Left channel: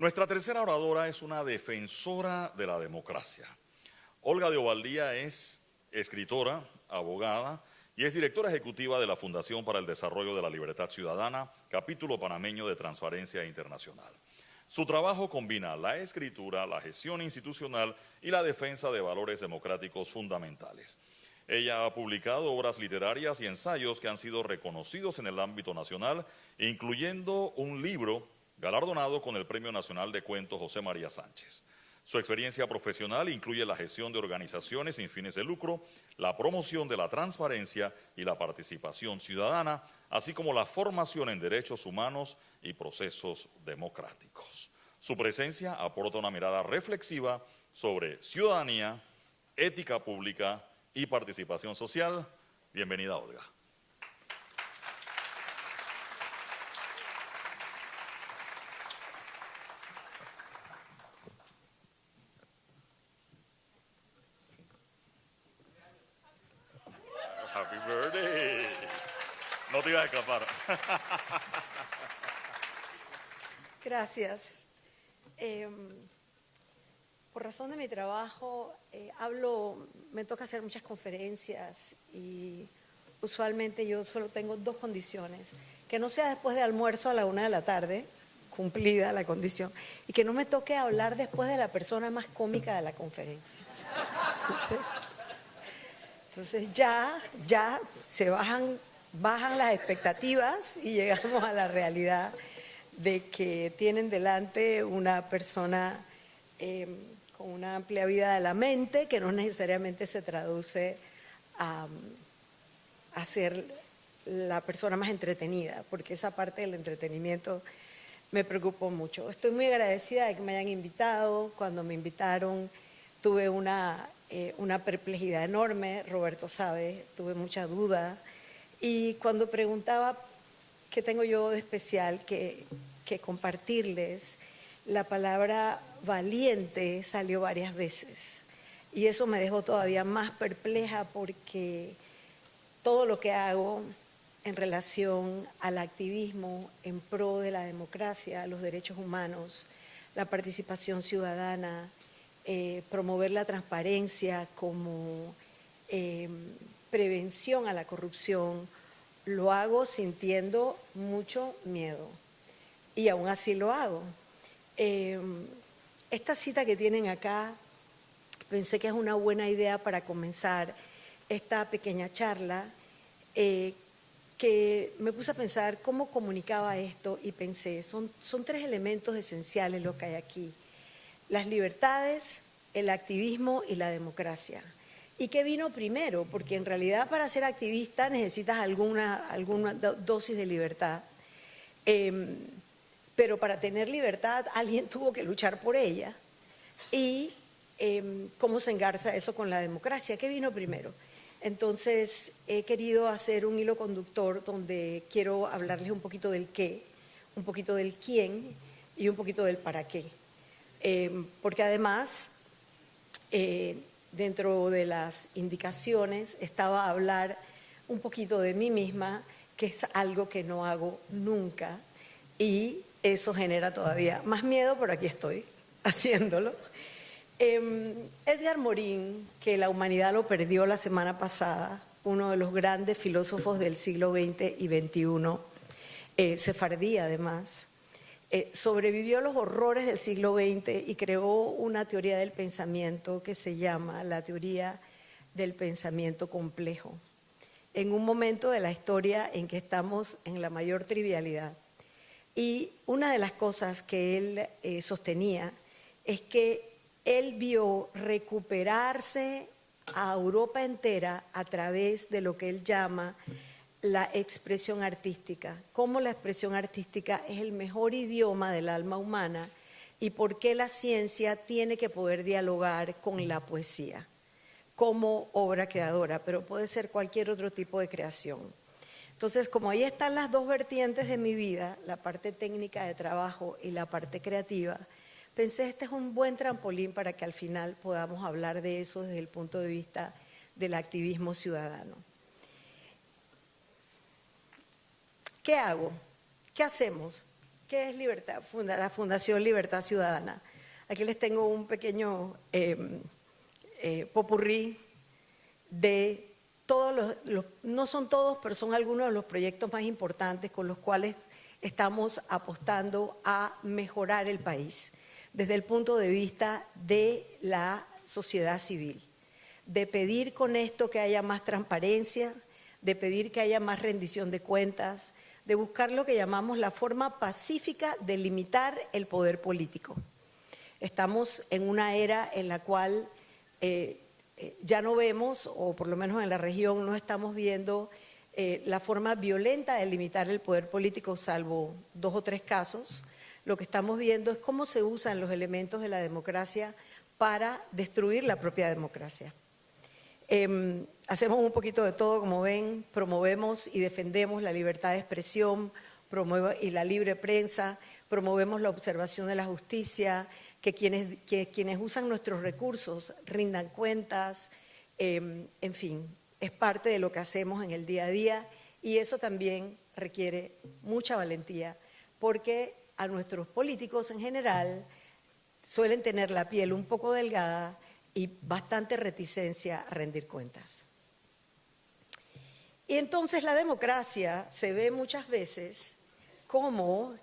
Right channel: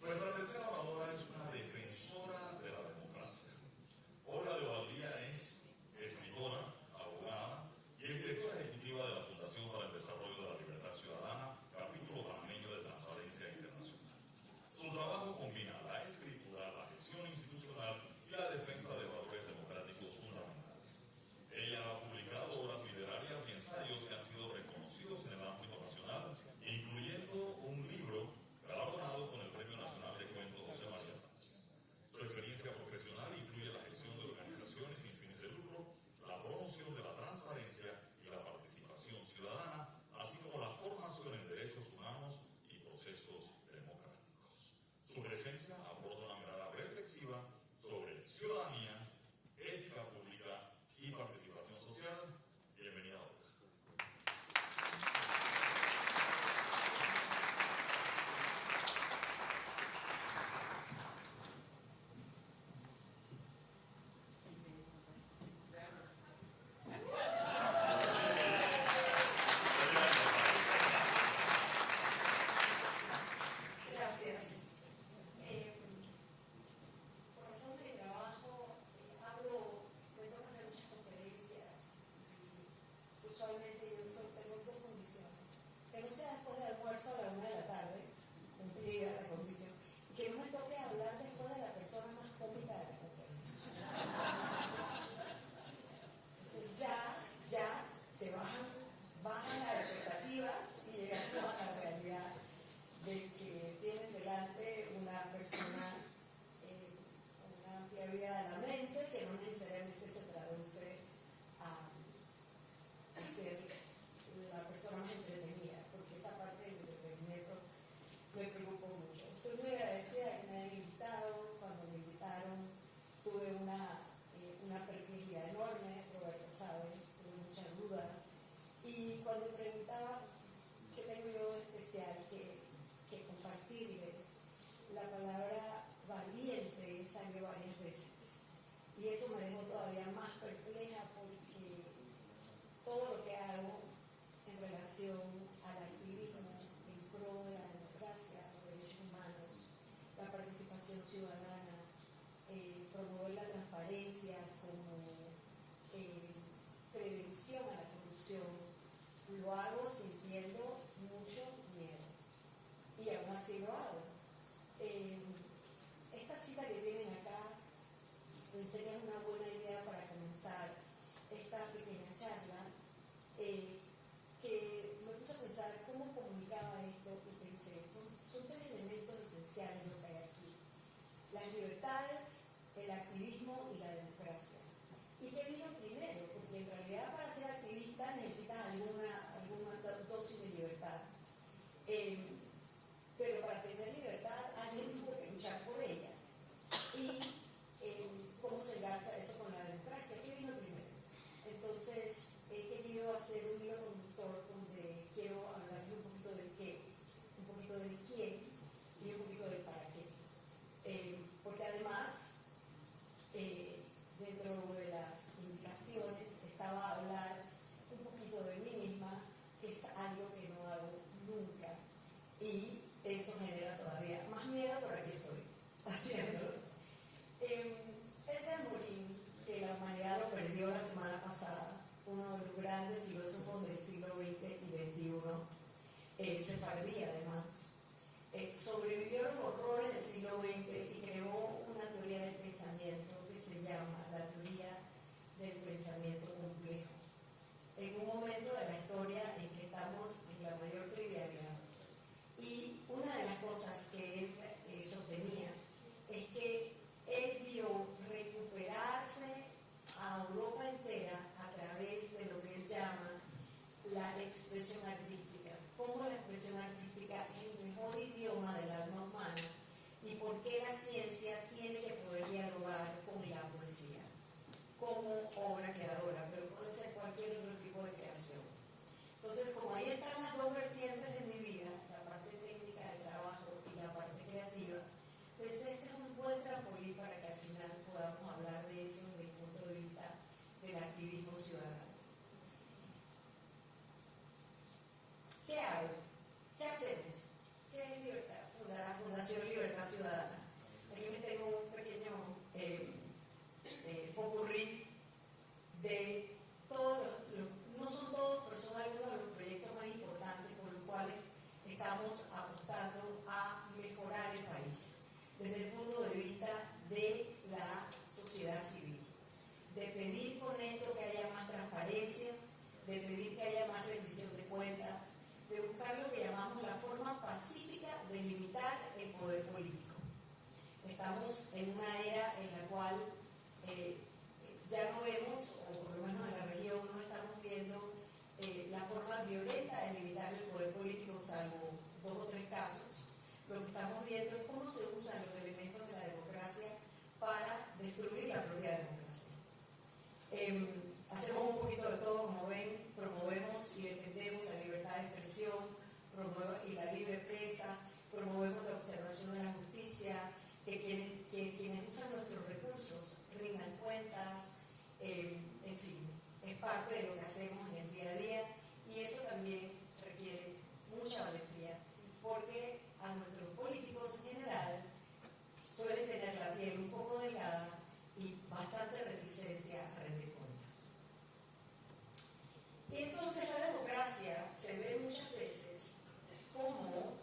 Nuestra tercera oradora es una defensora de la democracia. Olga de Ovaldía es escritora, abogada y es directora ejecutiva de la Fundación para el Desarrollo de la Libertad Ciudadana, capítulo panameño de Transparencia Internacional. Su trabajo combina la escritura, la gestión institucional y la defensa de valores democráticos fundamentales. Ella ha publicado obras literarias y ensayos que han sido reconocidos en el ámbito nacional, incluyendo un libro galardonado con el Premio Nacional de Cuentos José María Sánchez. Su experiencia profesional incluye la gestión de organizaciones sin fines de lucro, la promoción de la transparencia y la participación ciudadana, así como la formación en derechos humanos y procesos democráticos. Su presencia aporta una mirada reflexiva sobre ciudadanía, ética pública y participación social. Bienvenida, Olga. Happy birthday. No te iba a escapar. Gracias. Por razón de mi trabajo, me toca hacer muchas conferencias y usualmente yo solo tengo dos condiciones: que no sea después de almuerzo a la 1 de la tarde, cumplida la condición, y que no me toque hablar después de la persona más cómica de la conferencia. Entonces ya se bajan las expectativas y llegamos a la realidad de que tienen delante una persona con una amplia vida de la mente, que no necesariamente se traduce a ser la persona más entretenida, porque esa parte del entretenimiento me preocupó mucho. Estoy muy agradecida de que me hayan invitado. Cuando me invitaron tuve una perplejidad enorme, Roberto sabe, tuve mucha duda, y cuando preguntaba qué tengo yo de especial que compartirles, la palabra valiente salió varias veces y eso me dejó todavía más perpleja, porque todo lo que hago en relación al activismo en pro de la democracia, los derechos humanos, la participación ciudadana, promover la transparencia como prevención a la corrupción, lo hago sintiendo mucho miedo y aún así lo hago. Esta cita que tienen acá, pensé que es una buena idea para comenzar esta pequeña charla, que me puse a pensar cómo comunicaba esto y pensé, son tres elementos esenciales lo que hay aquí: las libertades, el activismo y la democracia. ¿Y qué vino primero? Porque en realidad para ser activista necesitas alguna dosis de libertad. Pero para tener libertad alguien tuvo que luchar por ella. ¿Y cómo se engarza eso con la democracia? ¿Qué vino primero? Entonces he querido hacer un hilo conductor donde quiero hablarles un poquito del qué, un poquito del quién y un poquito del para qué. Porque además, dentro de las indicaciones estaba hablar un poquito de mí misma, que es algo que no hago nunca, y eso genera todavía más miedo, pero aquí estoy haciéndolo. Edgar Morin, que la humanidad lo perdió la semana pasada, uno de los grandes filósofos del siglo XX y XXI, sefardí además, sobrevivió a los horrores del siglo XX y creó una teoría del pensamiento que se llama la teoría del pensamiento complejo, en un momento de la historia en que estamos en la mayor trivialidad. Y una de las cosas que él sostenía es que él vio recuperarse a Europa entera a través de lo que él llama la expresión artística, cómo la expresión artística es el mejor idioma del alma humana y por qué la ciencia tiene que poder dialogar con la poesía como obra creadora, pero puede ser cualquier otro tipo de creación. Entonces, como ahí están las dos vertientes de mi vida, la parte técnica de trabajo y la parte creativa, pensé, este es un buen trampolín para que al final podamos hablar de eso desde el punto de vista del activismo ciudadano. ¿Qué hago? ¿Qué hacemos? ¿Qué es libertad? La Fundación Libertad Ciudadana. Aquí les tengo un pequeño popurrí de todos no son todos, pero son algunos de los proyectos más importantes con los cuales estamos apostando a mejorar el país desde el punto de vista de la sociedad civil, de pedir con esto que haya más transparencia, de pedir que haya más rendición de cuentas, de buscar lo que llamamos la forma pacífica de limitar el poder político. Estamos en una era en la cual ya no vemos, o por lo menos en la región no estamos viendo la forma violenta de limitar el poder político, salvo 2 o 3 casos. Lo que estamos viendo es cómo se usan los elementos de la democracia para destruir la propia democracia. Hacemos un poquito de todo, como ven, promovemos y defendemos la libertad de expresión y la libre prensa, promovemos la observación de la justicia, que quienes usan nuestros recursos rindan cuentas, en fin, es parte de lo que hacemos en el día a día y eso también requiere mucha valentía porque a nuestros políticos en general suelen tener la piel un poco delgada y bastante reticencia a rendir cuentas. Y entonces la democracia se ve muchas veces como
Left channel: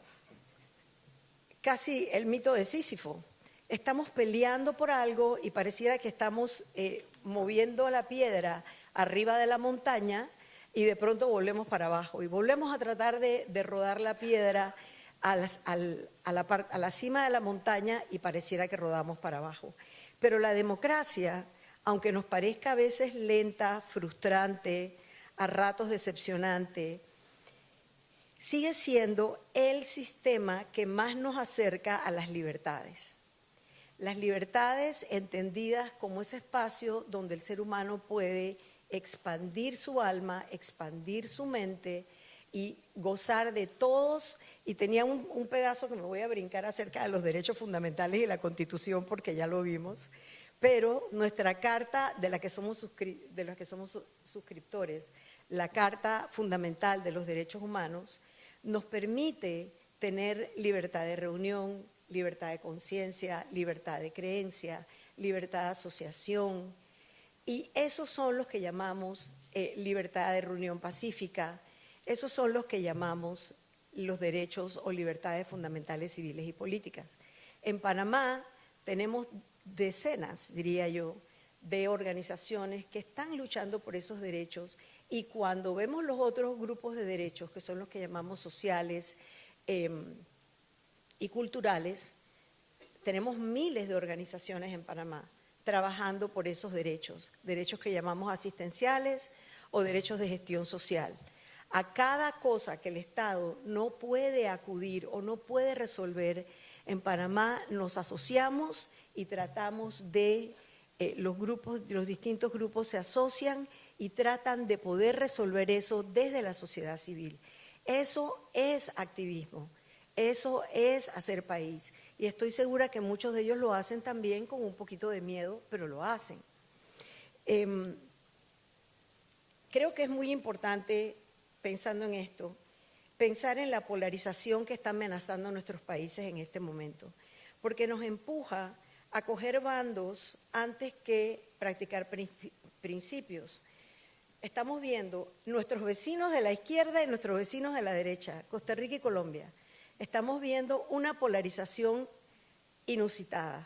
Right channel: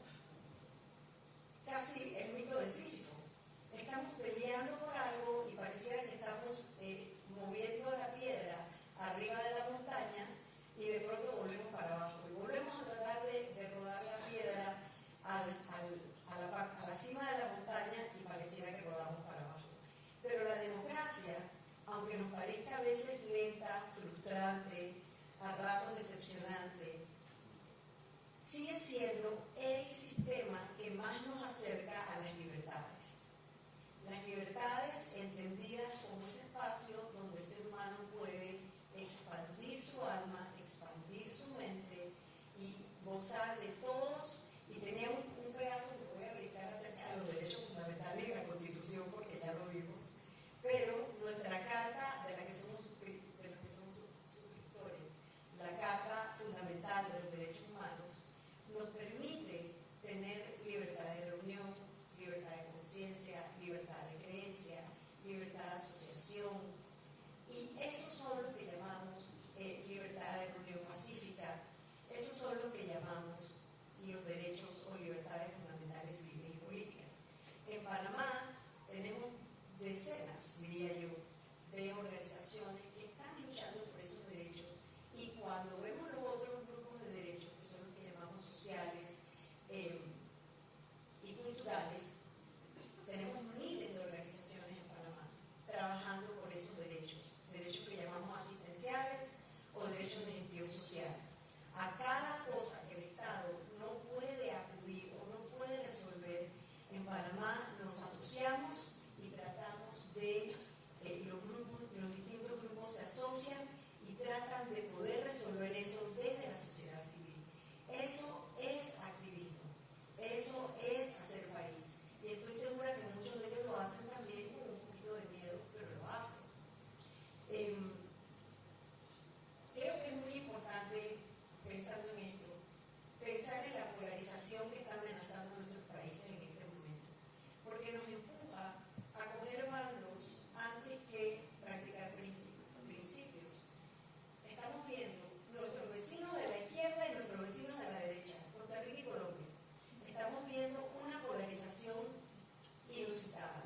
casi el mito de Sísifo. Estamos peleando por algo y pareciera que estamos moviendo la piedra arriba de la montaña y de pronto volvemos para abajo y volvemos a tratar de rodar la piedra a la cima de la montaña y pareciera que rodamos para abajo. Pero la democracia, aunque nos parezca a veces lenta, frustrante, a ratos decepcionante, sigue siendo el sistema que más nos acerca a las libertades. Las libertades entendidas como ese espacio donde el ser humano puede expandir su alma, expandir su mente y gozar de todos. Y tenía un pedazo que me voy a brincar acerca de los derechos fundamentales y la Constitución porque ya lo vimos, pero nuestra carta de la que somos suscriptores, la Carta Fundamental de los Derechos Humanos, nos permite tener libertad de reunión, libertad de conciencia, libertad de creencia, libertad de asociación, y esos son los que llamamos libertad de reunión pacífica, esos son los que llamamos los derechos o libertades fundamentales civiles y políticas. En Panamá tenemos decenas, diría yo, de organizaciones que están luchando por esos derechos y cuando vemos los otros grupos de derechos, que son los que llamamos sociales y culturales, tenemos miles de organizaciones en Panamá trabajando por esos derechos, derechos que llamamos asistenciales o derechos de gestión social. A cada cosa que el Estado no puede acudir o no puede resolver, en Panamá nos asociamos y tratamos de, los distintos grupos se asocian y tratan de poder resolver eso desde la sociedad civil. Eso es activismo, eso es hacer país. Y estoy segura que muchos de ellos lo hacen también con un poquito de miedo, pero lo hacen. Creo que es muy importante, pensando en esto, pensar en la polarización que está amenazando a nuestros países en este momento, porque nos empuja a coger bandos antes que practicar principios. Estamos viendo nuestros vecinos de la izquierda y nuestros vecinos de la derecha, Costa Rica y Colombia. Estamos viendo una polarización inusitada.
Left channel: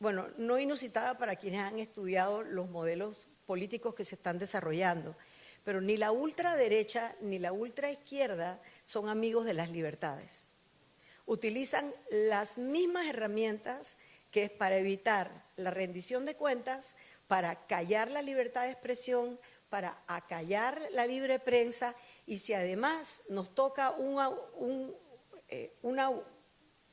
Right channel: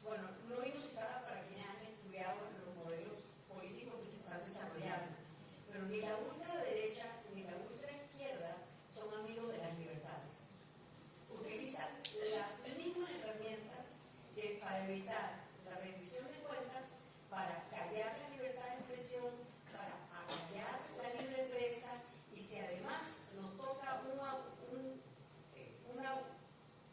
Bueno, no inusitada para quienes han estudiado los modelos políticos que se están desarrollando, pero ni la ultraderecha ni la ultraizquierda son amigos de las libertades. Utilizan las mismas herramientas que es para evitar la rendición de cuentas, para callar la libertad de expresión, para acallar la libre prensa y si además nos toca un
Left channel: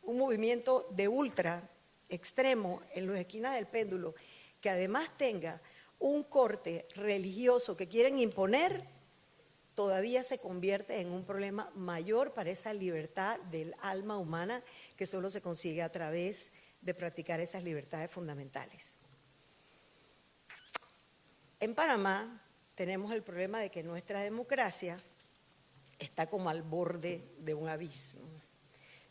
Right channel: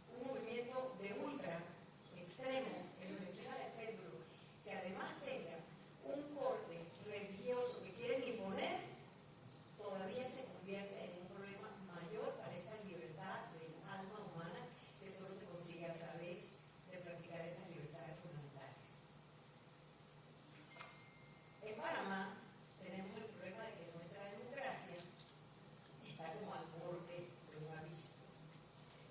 movimiento de ultra extremo en las esquinas del péndulo que además tenga un corte religioso que quieren imponer, todavía se convierte en un problema mayor para esa libertad del alma humana que solo se consigue a través de practicar esas libertades fundamentales. En Panamá tenemos el problema de que nuestra democracia está como al borde de un abismo.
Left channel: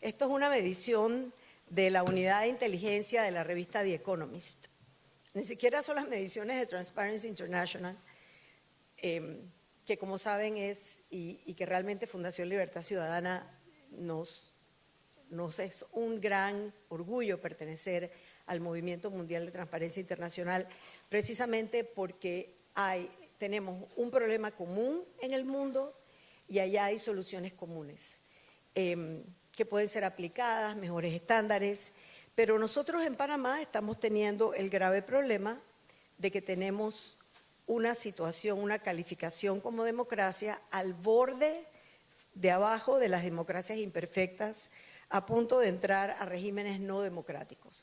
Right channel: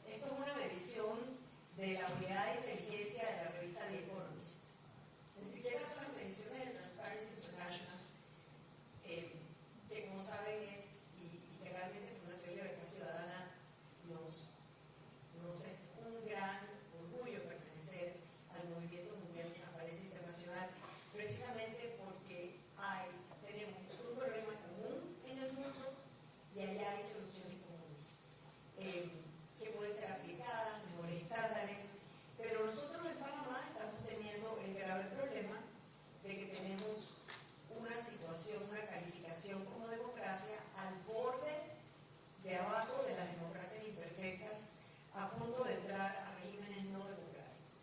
Esto es una medición de la unidad de inteligencia de la revista The Economist. Ni siquiera son las mediciones de Transparency International, que como saben es, y que realmente Fundación Libertad Ciudadana nos es un gran orgullo pertenecer al Movimiento Mundial de Transparencia Internacional, precisamente porque tenemos un problema común en el mundo y allá hay soluciones comunes que pueden ser aplicadas, mejores estándares, pero nosotros en Panamá estamos teniendo el grave problema de que tenemos una situación, una calificación como democracia al borde de abajo de las democracias imperfectas, a punto de entrar a regímenes no democráticos.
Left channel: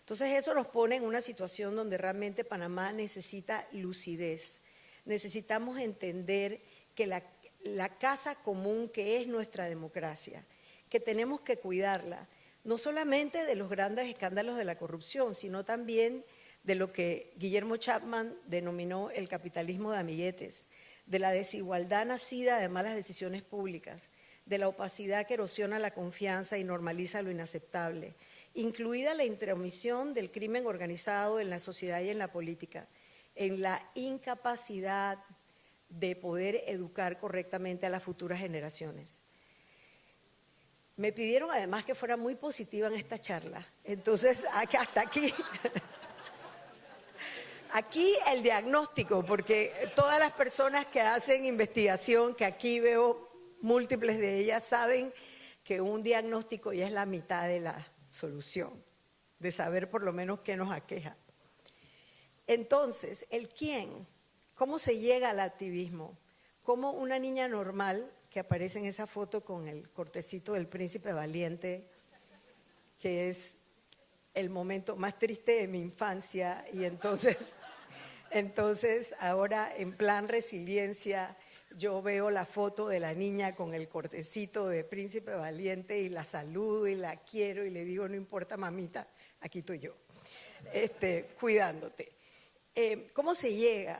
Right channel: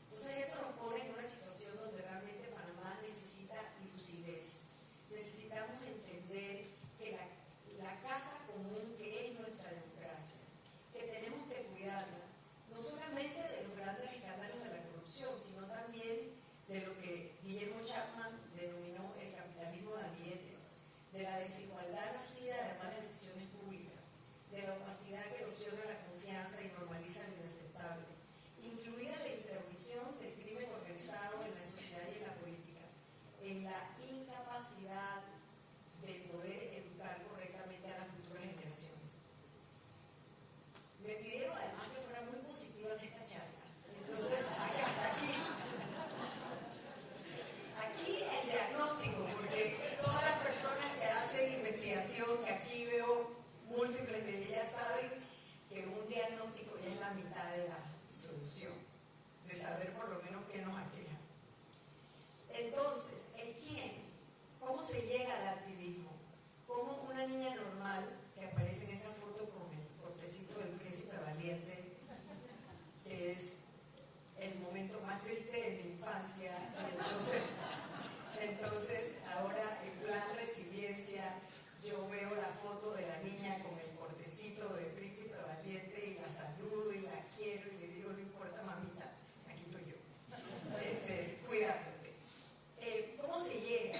Entonces eso nos pone en una situación donde realmente Panamá necesita lucidez. Necesitamos entender que la casa común que es nuestra democracia, que tenemos que cuidarla, no solamente de los grandes escándalos de la corrupción, sino también de lo que Guillermo Chapman denominó el capitalismo de amiguetes, de la desigualdad nacida de malas decisiones públicas, de la opacidad que erosiona la confianza y normaliza lo inaceptable, incluida la intromisión del crimen organizado en la sociedad y en la política, en la incapacidad de poder educar correctamente a las futuras generaciones. Me pidieron además que fuera muy positiva en esta charla, entonces hasta aquí, aquí el diagnóstico, porque todas las personas que hacen investigación, que aquí veo múltiples de ellas, saben que un diagnóstico ya es la mitad de la solución, de saber por lo menos qué nos aqueja. Entonces, el quién, ¿cómo se llega al activismo? ¿Cómo una niña normal que aparece en esa foto con el cortecito del príncipe valiente, que es el momento más triste de mi infancia, y entonces ahora en plan resiliencia yo veo la foto de la niña con el cortecito de príncipe valiente y la saludo y la quiero y le digo, no importa mamita, aquí estoy yo, cuidándote. ¿Cómo se llega?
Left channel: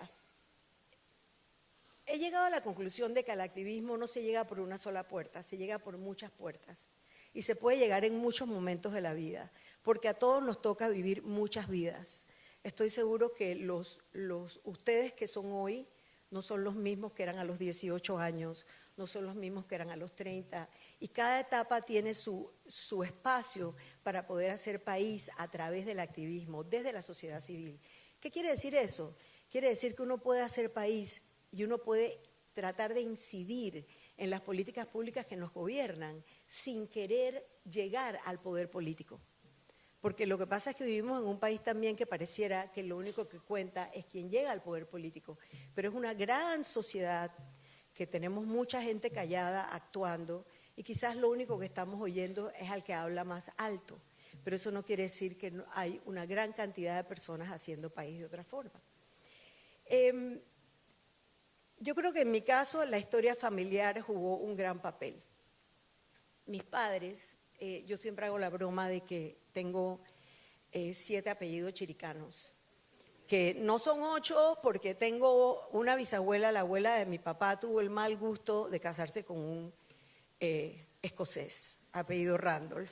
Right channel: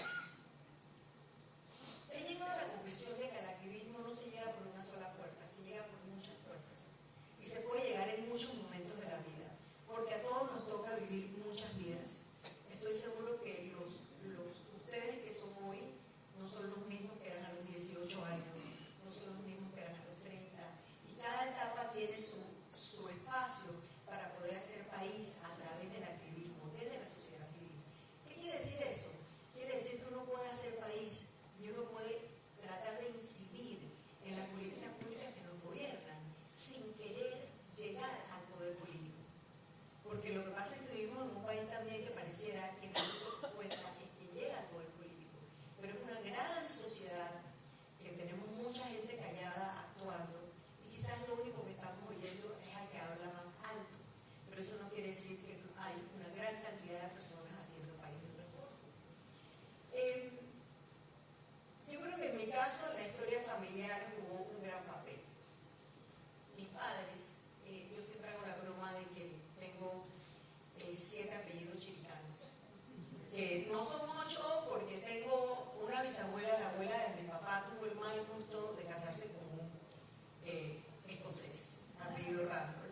He llegado a la conclusión de que al activismo no se llega por una sola puerta, se llega por muchas puertas y se puede llegar en muchos momentos de la vida, porque a todos nos toca vivir muchas vidas. Estoy seguro que ustedes que son hoy no son los mismos que eran a los 18 años, no son los mismos que eran a los 30, y cada etapa tiene su espacio para poder hacer país a través del activismo, desde la sociedad civil. ¿Qué quiere decir eso? Quiere decir que uno puede hacer país y uno puede tratar de incidir en las políticas públicas que nos gobiernan sin querer llegar al poder político. Porque lo que pasa es que vivimos en un país también que pareciera que lo único que cuenta es quien llega al poder político, pero es una gran sociedad que tenemos mucha gente callada actuando y quizás lo único que estamos oyendo es al que habla más alto, pero eso no quiere decir que no hay una gran cantidad de personas haciendo país de otra forma. Yo creo que en mi caso la historia familiar jugó un gran papel. Mis padres, yo siempre hago la broma de que tengo 7 apellidos chiricanos, que no son 8 porque tengo una bisabuela, la abuela de mi papá tuvo el mal gusto de casarse con un escocés, apellido Randolph.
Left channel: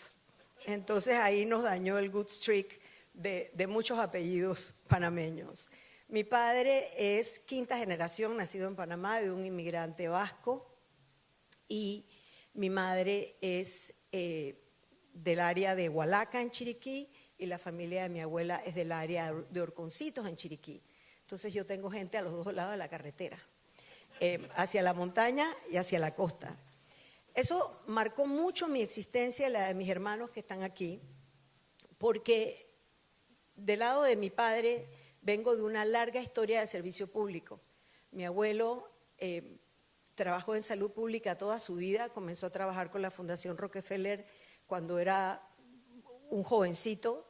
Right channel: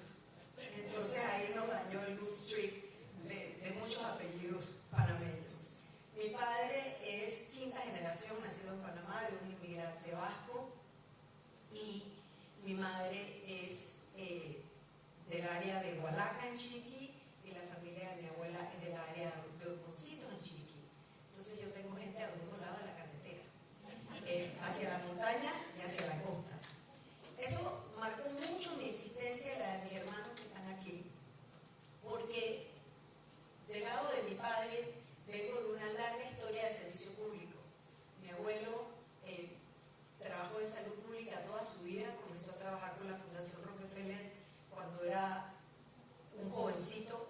Entonces ahí nos dañó el good streak de muchos apellidos panameños. Mi padre es 5ª generación, nacido en Panamá, de un inmigrante vasco, y mi madre es del área de Hualaca, en Chiriquí, y la familia de mi abuela es del área de Orconcitos, en Chiriquí. Entonces yo tengo gente a los 2 lados de la carretera, hacia la montaña y hacia la costa. Eso marcó mucho mi existencia y la de mis hermanos que están aquí, porque del lado de mi padre vengo de una larga historia de servicio público. Mi abuelo trabajó en salud pública toda su vida, comenzó a trabajar con la Fundación Rockefeller cuando era un jovencito,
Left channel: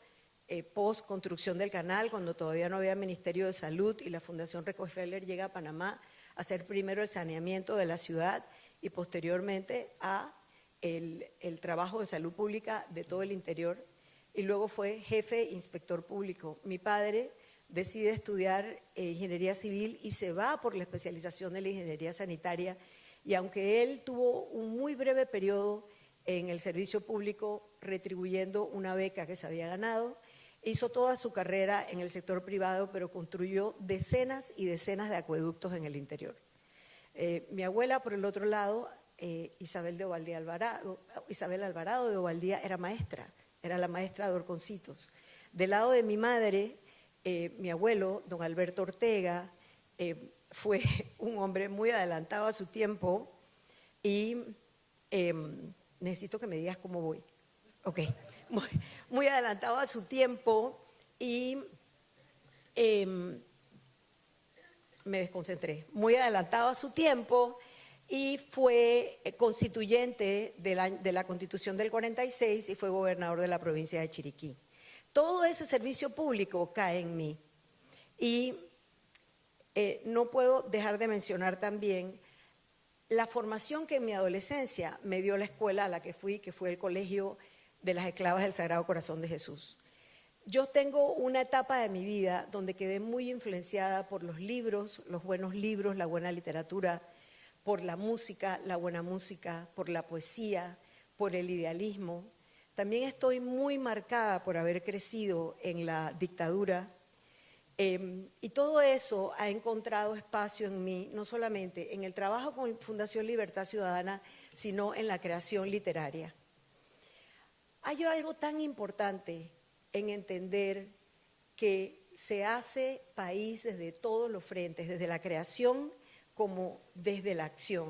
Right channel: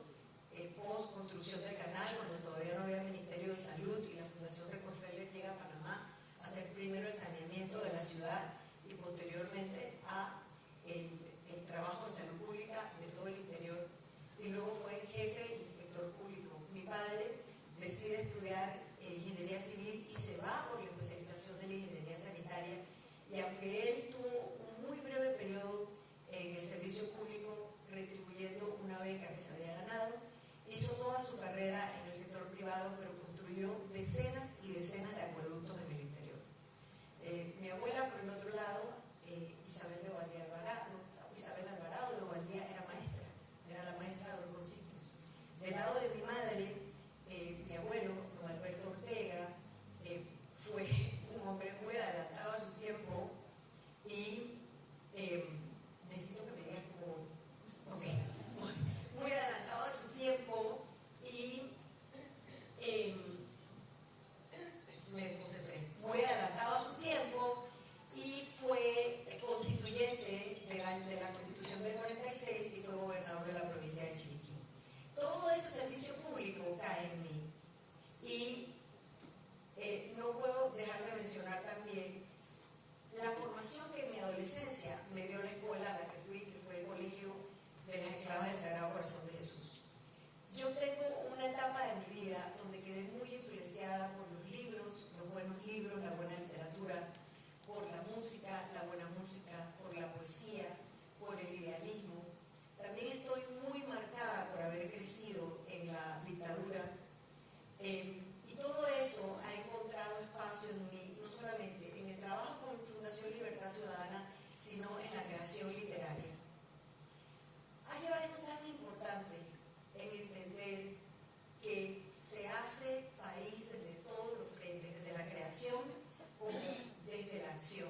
post construcción del canal, cuando todavía no había Ministerio de Salud, y la Fundación Rockefeller llega a Panamá a hacer primero el saneamiento de la ciudad y posteriormente a el trabajo de salud pública de todo el interior, y luego fue jefe inspector público. Mi padre decide estudiar ingeniería civil y se va por la especialización de la ingeniería sanitaria, y aunque él tuvo un muy breve periodo en el servicio público retribuyendo una beca que se había ganado. Hizo toda su carrera en el sector privado, pero construyó decenas y decenas de acueductos en el interior. Mi abuela, por el otro lado, Isabel Alvarado de Ovaldía, era maestra, era la maestra de Horconcitos. Del lado de mi madre, mi abuelo, don Alberto Ortega, fue un hombre muy adelantado a su tiempo y necesito que me digas cómo voy. Ok, muy adelantado a su tiempo y me desconcentré. Muy adelantado a su tiempo y fue constituyente de la Constitución del 46 y fue gobernador de la provincia de Chiriquí. Todo ese servicio público cae en mí. Y no puedo dejar de mencionar también la formación que en mi adolescencia me dio la escuela a la que fui, que fue el Colegio de las Esclavas del Sagrado Corazón de Jesús. Yo tengo una etapa de mi vida donde quedé muy influenciada por los libros, los buenos libros, la buena literatura, por la música, la buena música, por la poesía, por el idealismo. También estoy muy marcada por haber crecido en la dictadura. Y todo eso ha encontrado espacio en mí, no solamente en el trabajo con Fundación Libertad Ciudadana, sino en la creación literaria. Hay algo tan importante en entender que se hace país desde todos los frentes, desde la creación como desde la acción.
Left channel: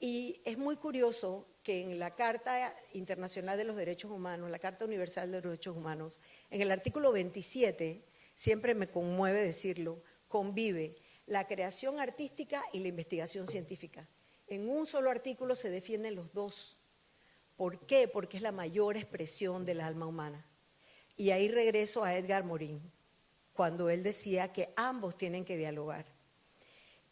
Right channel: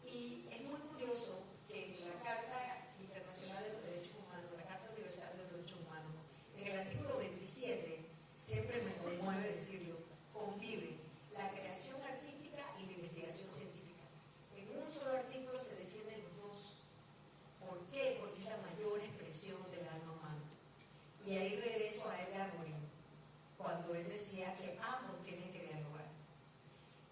Y es muy curioso que en la Carta Internacional de los Derechos Humanos, la Carta Universal de los Derechos Humanos, en el artículo 27, siempre me conmueve decirlo, convive la creación artística y la investigación científica. En un solo artículo se defienden los dos. ¿Por qué? Porque es la mayor expresión del alma humana. Y ahí regreso a Edgar Morin, cuando él decía que ambos tienen que dialogar.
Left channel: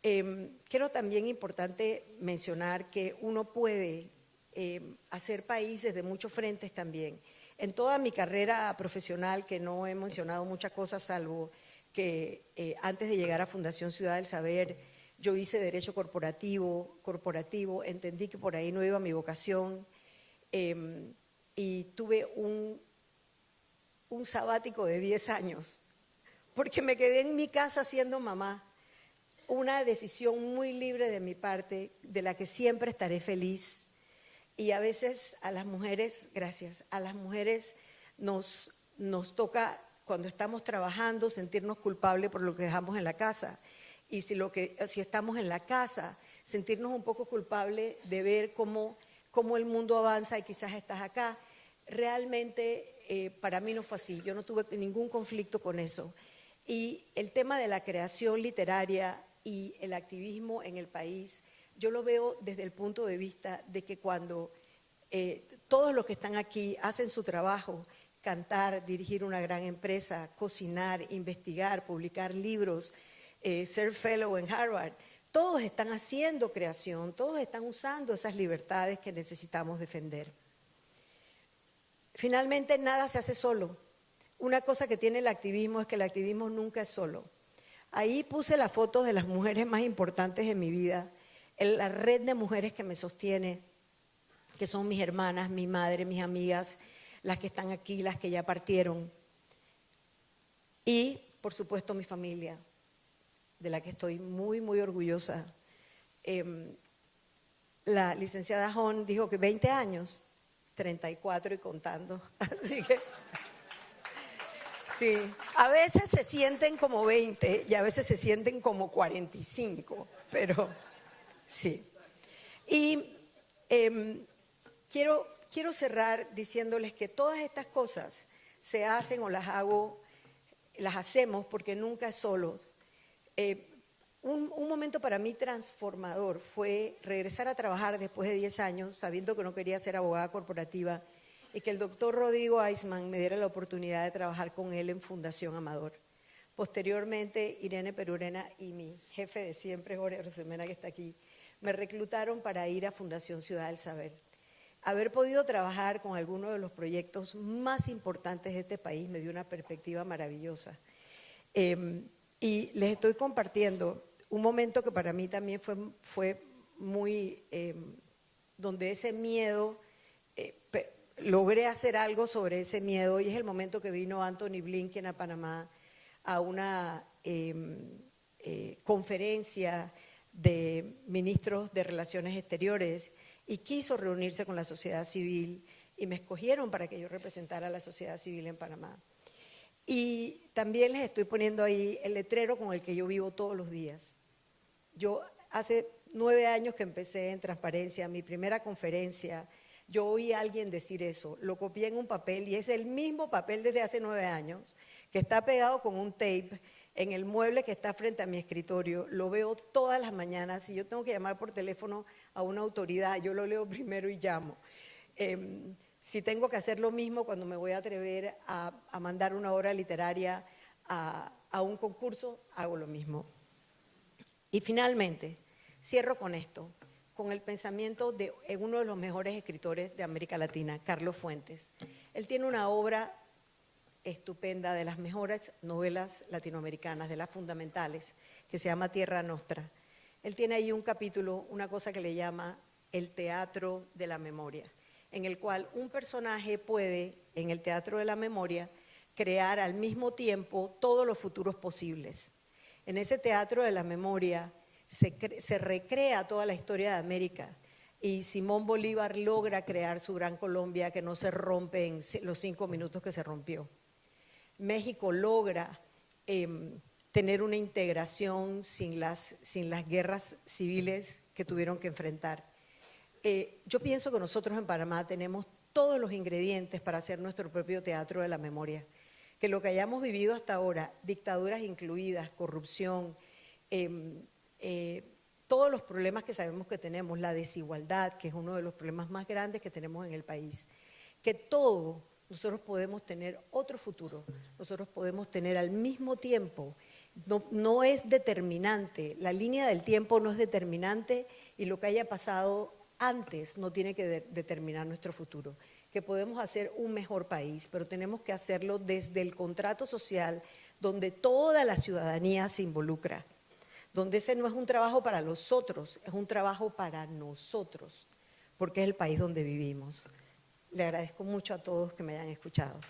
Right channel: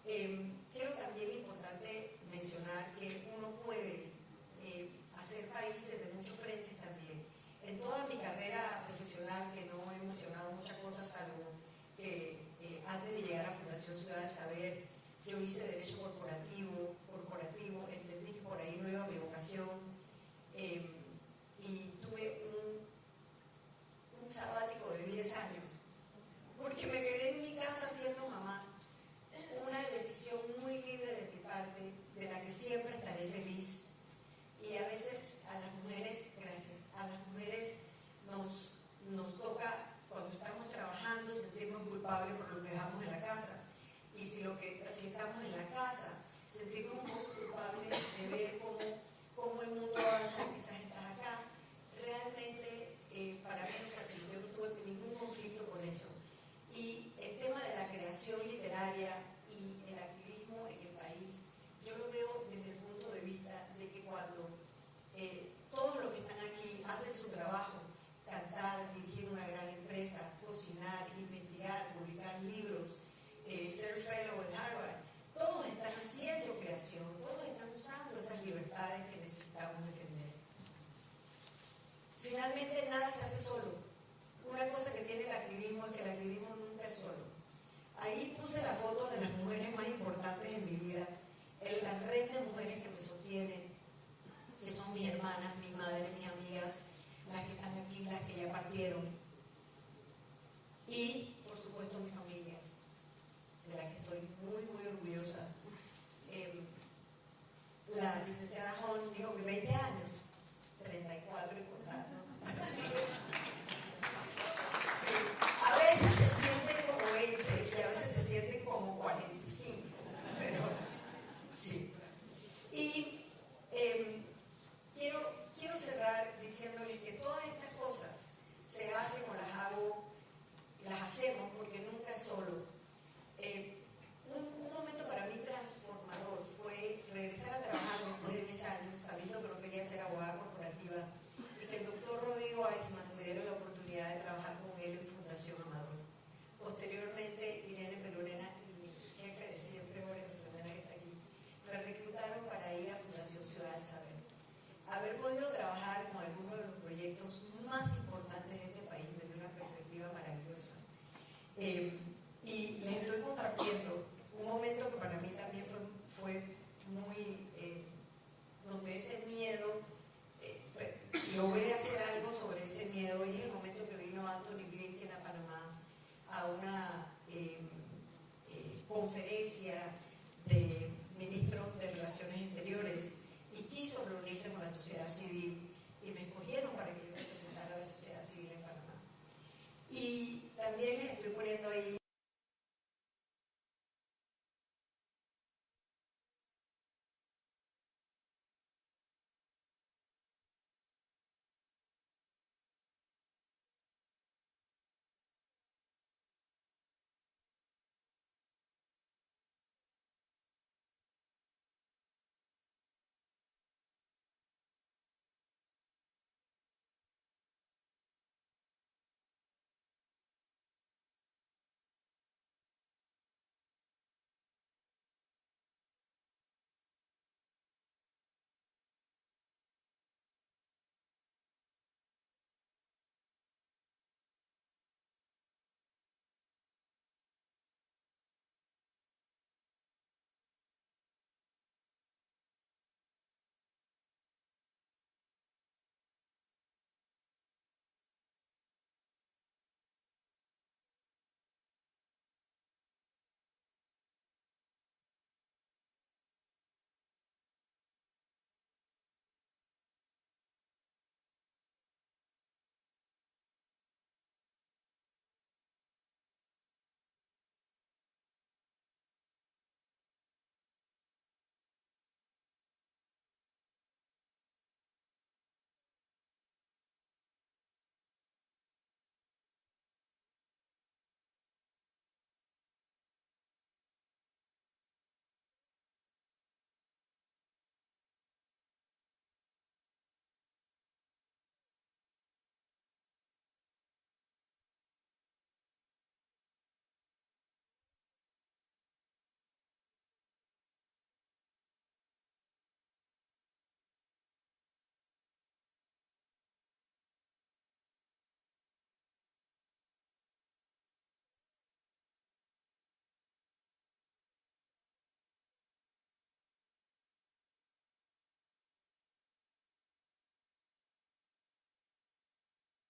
Creo también importante mencionar que uno puede hacer país desde muchos frentes también. En toda mi carrera profesional, que no he mencionado muchas cosas, salvo que antes de llegar a Fundación Ciudad del Saber, yo hice Derecho Corporativo, entendí que por ahí no iba mi vocación, y tuve un sabático de 10 años, porque me quedé en mi casa siendo mamá. Una decisión muy libre de mi parte, de la que siempre estaré feliz. Y a veces a las mujeres, gracias, a las mujeres nos toca, cuando estamos trabajando, sentirnos culpables por lo que dejamos en la casa. Y si estamos en la casa, sentirnos un poco culpables de ver cómo el mundo avanza y quizás estás acá. Realmente para mí no fue así, yo no tuve ningún conflicto con eso. Y el tema de la creación literaria y el activismo en el país, yo lo veo desde el punto de vista de que cuando todos los que están aquí hacen su trabajo, cantar, dirigir una gran empresa, cocinar, investigar, publicar libros, ser fellow en Harvard, todos están haciendo creación, todos están usando esas libertades que necesitamos defender. Finalmente, nada se hace solo. Una cosa que tiene el activismo es que el activismo nunca es solo. Ahí puse las fotos de las mujeres más importantes en mi vida, la red de mujeres que me sostiene, que son mis hermanas, mi madre, mis amigas, las que están aquí, las que ya partieron. Y, por supuesto, mi familia, de la que estoy muy, muy orgullosa. La licenciada Hon dijo que 20 años, 34 y contando. Así que, sí, a veces se sienten como 20 y a veces se sienten como 45, pero sí. Y quiero cerrar diciéndoles que todas estas cosas se hacen o las hacemos porque nunca es solo. Un momento para mí transformador fue regresar a trabajar después de 10 años, sabiendo que no quería ser abogada corporativa, y que el doctor Rodrigo Eisman me diera la oportunidad de trabajar con él en Fundación Amador. Posteriormente, Irene Perurena y mi jefe de siempre, Jorge Rosemena, que está aquí, me reclutaron para ir a Fundación Ciudad del Saber. Haber podido trabajar con algunos de los proyectos más importantes de este país me dio una perspectiva maravillosa. Y les estoy compartiendo un momento que para mí también fue muy, donde ese miedo logré hacer algo sobre ese miedo y es el momento que vino Anthony Blinken a Panamá a una conferencia de ministros de Relaciones Exteriores y quiso reunirse con la sociedad civil y me escogieron para que yo representara a la sociedad civil en Panamá. Y también les estoy poniendo ahí el letrero con el que yo vivo todos los días. Yo hace 9 años que empecé en Transparencia, mi primera conferencia, yo oí a alguien decir eso, lo copié en un papel y es el mismo papel desde hace 9 años, que está pegado con un tape en el mueble que está frente a mi escritorio, lo veo todas las mañanas. Si yo tengo que llamar por teléfono a una autoridad, yo lo leo primero y llamo. Si tengo que hacer lo mismo cuando me voy a atrever a mandar una obra literaria a un concurso, hago lo mismo. Y finalmente, cierro con esto, con el pensamiento de uno de los mejores escritores de América Latina, Carlos Fuentes. Él tiene una obra estupenda, de las mejores novelas latinoamericanas, de las fundamentales, que se llama Tierra Nostra. Él tiene ahí un capítulo, una cosa que le llama el teatro de la memoria, en el cual un personaje puede, en el teatro de la memoria, crear al mismo tiempo todos los futuros posibles. En ese teatro de la memoria se recrea toda la historia de América y Simón Bolívar logra crear su gran Colombia que no se rompe en los 5 minutos que se rompió. México logra tener una integración sin las guerras civiles que tuvieron que enfrentar. Yo pienso que nosotros en Panamá tenemos todos los ingredientes para hacer nuestro propio teatro de la memoria, que lo que hayamos vivido hasta ahora, dictaduras incluidas, corrupción, todos los problemas que sabemos que tenemos, la desigualdad, que es uno de los problemas más grandes que tenemos en el país, que todo nosotros podemos tener otro futuro, nosotros podemos tener al mismo tiempo, no es determinante, la línea del tiempo no es determinante y lo que haya pasado antes no tiene que determinar nuestro futuro, que podemos hacer un mejor país, pero tenemos que hacerlo desde el contrato social donde toda la ciudadanía se involucra, donde ese no es un trabajo para los otros, es un trabajo para nosotros, porque es el país donde vivimos. Le agradezco mucho a todos que me hayan escuchado.